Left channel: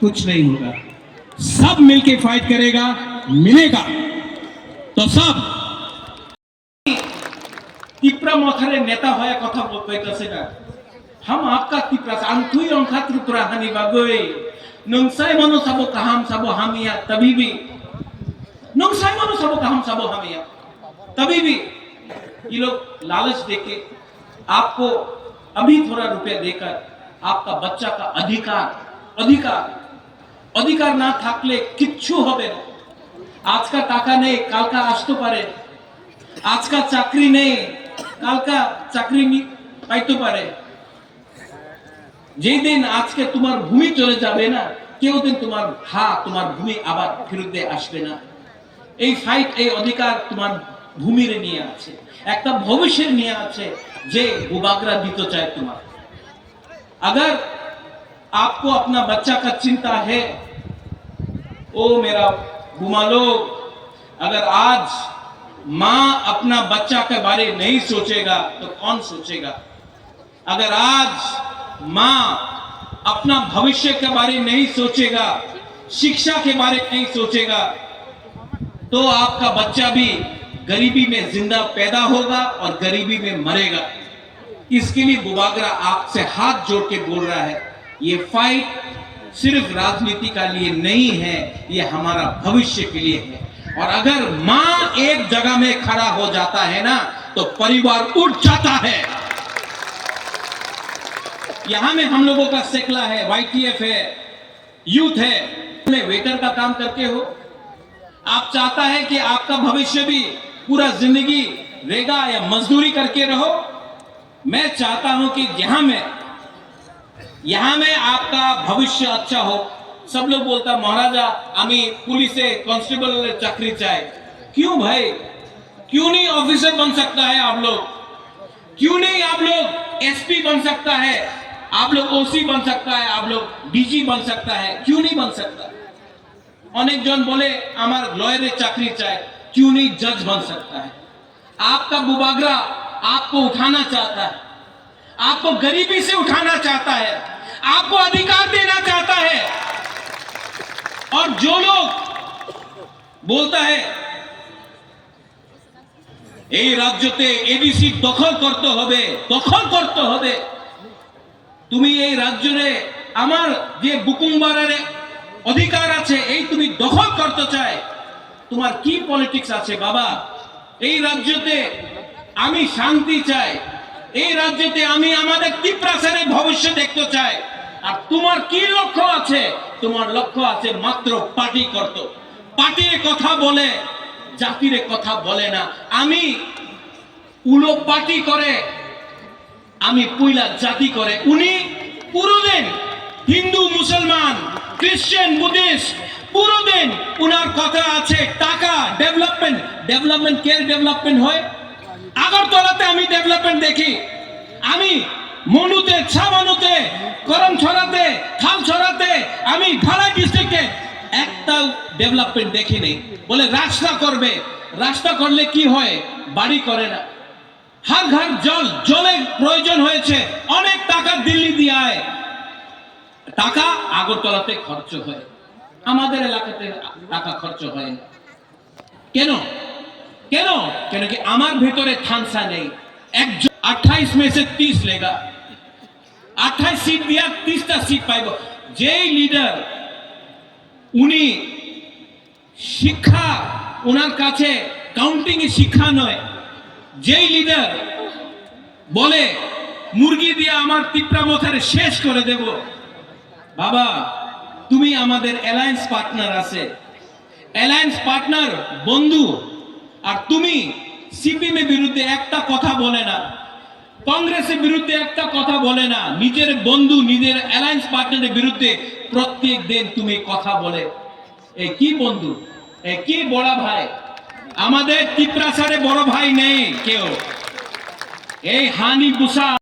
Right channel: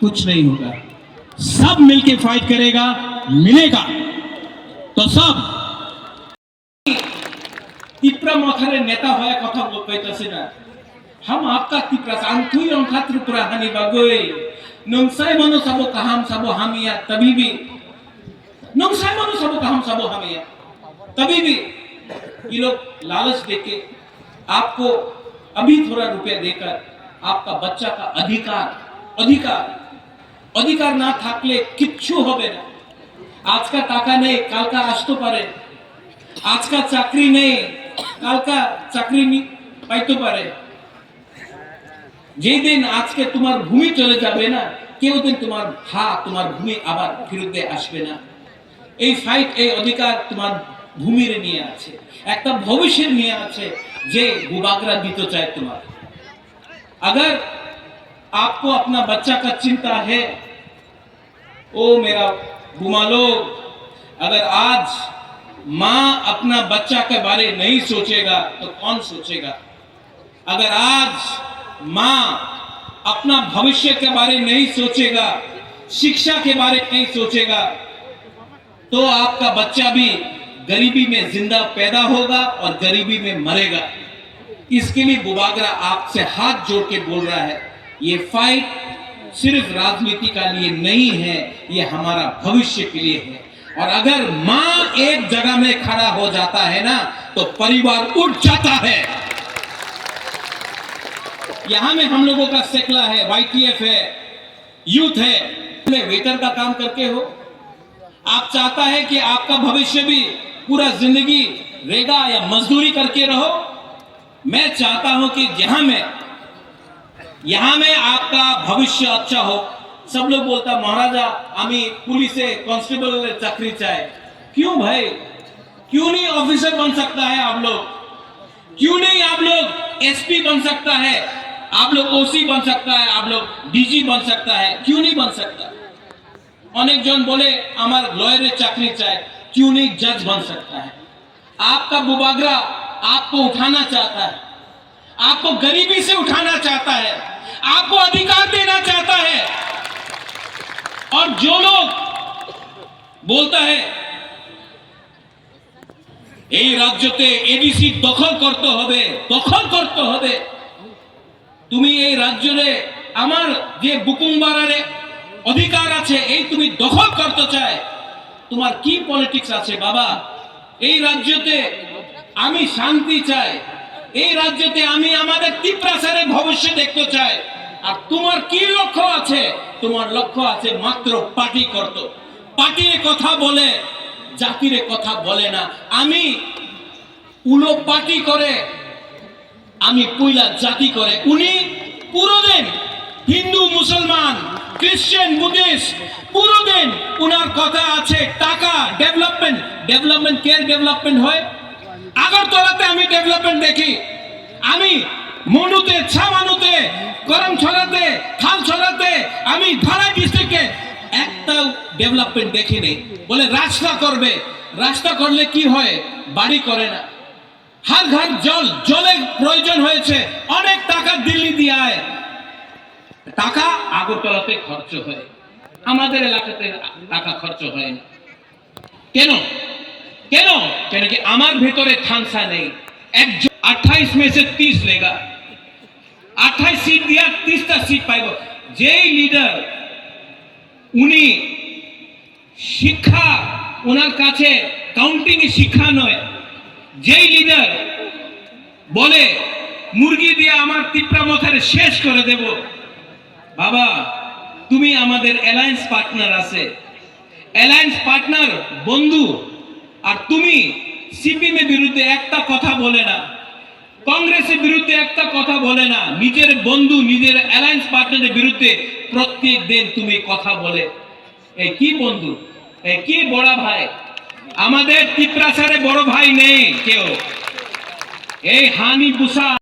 कुछ नहीं होगा। सब मिलके फाइट करेगा, मिलेगा तो सब। त्रिपुरा मथारे नेता होया कथा कइताছে ना, हम आपका त्रिपुरा आंथुई अंखा त्रिपुरा हानि बागै नोंसाय मनो साबो काहाम साबो हामिया तभी भी नोंसाय मनो साबो काहाम साबो हामिया तभी भी ये लोग लालच देके आपको अभी थोड़ा रुपया देकर आपका बच्चा का अधिकार ना থাকলে কিচ্ছু হবে না। আজকা টাকা নেই কালকা আসতে পারে, আজকা চাকরি নেই কালকা চাকরি পাইতে পারে। যেই দিন আজকে তোমার ভূমি চলে যাবে না, কেউ দিন তোমার ভূমি আবার ফেরত আসবে না। এই ফাইট, এই অধিকার তোমার ভূমির নিয়ে আছে, একটা ভবিষ্যের নিয়ে আছে যে বুবাগরা দিতে চায় তোমার। अगर आपको अपना बच्चा का चिंता है, ओ मेरा बुमालो, अगर आज माँ अपना बच्चा के बारे नहीं सोचेगा तो कौन सोचेगा? अगर आज माँ अपना भविष्य के बारे नहीं सोचेगा, शिक्षा के बारे नहीं सोचेगा, तो आपका बच्चा भी गरीबी में जिंदा पैदा होगा और गरीबी में मरेगा। इसके लिए बुबागरा आपसे हाथ जोड़ के बोल रहा है, ये फाइट सिर्फ राजनीति का लिए नहीं है, ये हमारा भविष्य के लिए है। और अगर माँ एक जगह में खड़ा हो जाता है ना, तो परिवार उठ जाता है। यहां में हम लोगों का सेकला है, YTF है, यूथ है, में वेटर का काम करके हो। आप चाहता है कि आपका भविष्य भी पूरा जिंदगी रेगा या मजदूरी करके रहो। मैं चाहता हूं कि यहां में आपका भविष्य अच्छा हो। सब लोग बोलता महाराजा आमी पुलिसे कांस्टेबल चाकरी चाहे। क्यों भाई, क्यों नहीं ऑफिसर बन सकता है आप लोग? क्यों नहीं आप लोग SP बन सकता है, आप लोग OC बन सकता है, आप लोग DG बन सकता है? क्यों नहीं बन सकता? अनेक जन बोले हमार लॉयर चाकरी चाहे, क्यों नहीं जज बन सकता है? आपका बुबागरा आपको उठाना चाहता है, आपको गरीबी से उठाना चाहता है, आपको अधिकार देना चाहता है। और जो लोग बोलता है এই রাজ্যতে এডিসি দখল করতে হবে, তুমি এই রাজ্যে আমার যে বুকুমবারের অধিকার আছে এই তুমি দখল করতে চায়, তোমার কি পলিটিক্স আছে বাবা? এই রাজ্যতে আমি শান্তি চাই, এই রাজ্যতে আমি আমাদের ত্রিপুরাসারে ভবিষ্য দেখতে চাই। আর তোমার কি লক্ষ্য আছে? তোমার লক্ষ্য আছে মাত্র পার্টি করতে, পার্টির কথা বলে জাতির কথা বলে না। আমি উলো পার্টি করে, আমি পুইলা জাতি করে। উনি পুরো দিন হিন্দু মুসলমান খ্রিস্টান বুদ্ধিস্ট পুরো দিন উনার কথা আছে টাকা, ডেভেলপমেন্ট কে ডেভেলপমেন্ট হয়? আগরতলাতে আমি ডেভেলপমেন্ট দেখি, আমি মনুতে, ছামানুতে, করমছড়াতে, খালছড়াতে, আমি ঢালাই ডিস্ট্রিক্টে একটা ডেভেলপমেন্ট দেখিনি। বলে রাস্তা করবে, রাস্তা করলে কি হয়? বাড়ি করে না। হার ঘর জলের প্রয়োজন হয়েছে, অনেক টাকা দিল্লি দিয়ে আয়, টাকা আগরতলাতে খরচ হয়, আমাদের এলাকাতে টাকা খরচ হয় না। কেন? कि আমার ভেতরে থানসা নেই। 28 में से 30 लेगा, 28 सीट दिया, 30টা सीट पाइब। যে লিডার উনি শিক্ষা ওনার কাছে কাউন্টিং এ শিক্ষা নয়, যেই লিডার বলে মুরগি দিয়ে আমার ত্রিপুরা মথারে শেষ করে দেব, বাবা তুমি আমাদের অ্যালায়েন্স পার্টনার আছে, অ্যালায়েন্স পার্টনার বন্ধু, আর তুমি সিপিএম এর বিরুদ্ধে একটা কথা বলে না, কংগ্রেসের বিরুদ্ধে একটা কথা বলে না, নিজের বন্ধু নিজের অ্যালায়েন্স পার্টনারের বিরুদ্ধে প্রত্যেক দিন তুমি কথা বলে। এই কি বন্ধু, এই কি বড় ভাই? আমাদের ত্রিপুরাসারে বড় ভাই নেই কেউ। এই হানি বুসা